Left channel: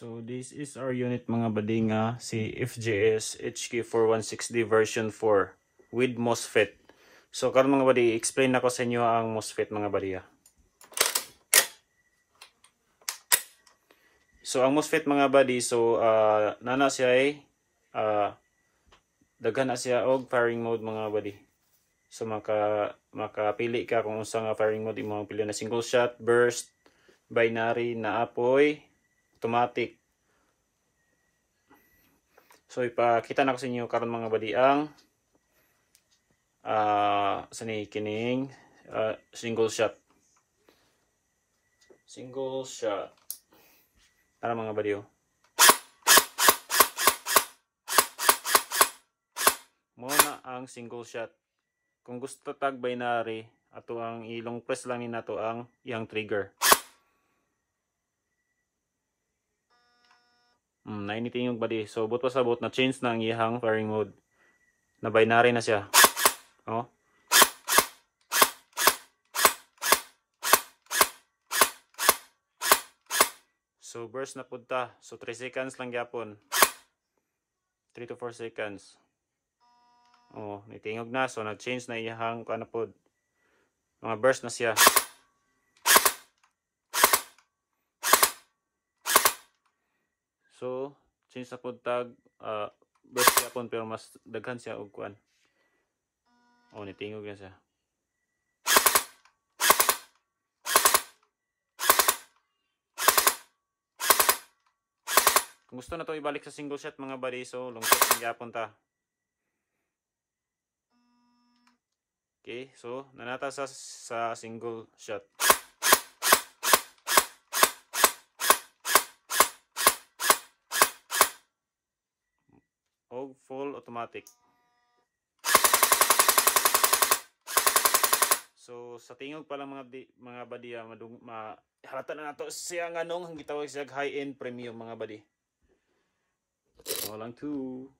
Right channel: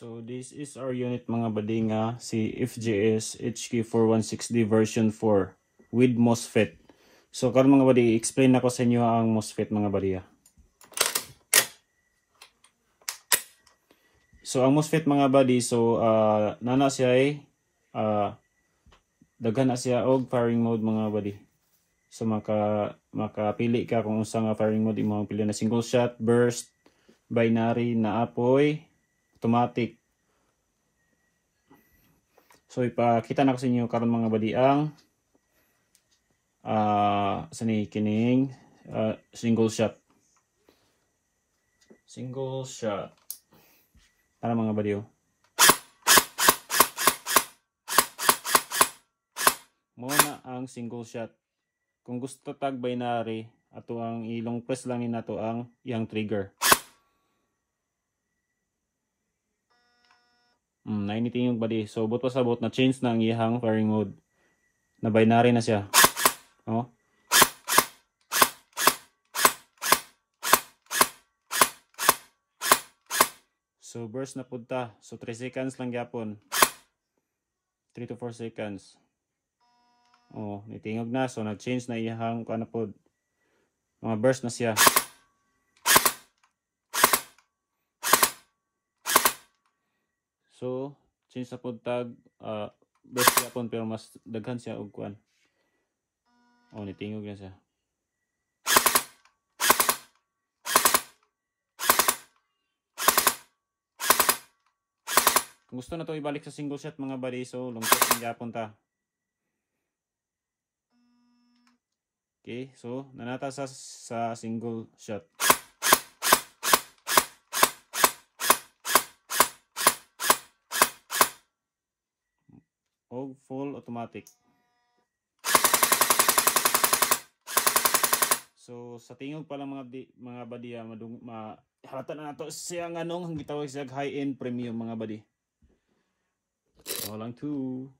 So this is our unit mga badinga, si FJS HK4160 version 4 with MOSFET. So karon mga badi, explain ako sa inyo ang MOSFET mga badiya. So ang MOSFET mga badi, so nana siya ay daghan na siya og firing mode mga badi. So makapili ka kung unsa nga firing mode imong pili na single shot, burst, binary, na apoy, automatic. So ipakita na ko sa inyo karon mga badi ang kining single shot. Single shot. Para mga badi oh. Muna ang single shot. Kung gusto tag binary, ato ang ilong press lang ni nato ang iyang trigger. Nainitin yung body. So buto sa bot na change na ang iyang firing mode. Na binary na siya. Oh. So burst na punta. So 3 seconds lang gyapon. 3 to 4 seconds. Oh, nitingog na. So nag-change na iyang ano pod. Mga burst na siya. So change sa pod tag burst yapon pero mas daghan siya og kuan. Oh, nitingog na siya. Kung gusto na to ibalik sa single shot mga badi, so long press ang yapon ta. Okay, so nanata sa single shot. O full automatic. So sa tingog pa lang mga badi, halata na nato siya nga nung gitawag siya high-end premium mga badi. So lang 2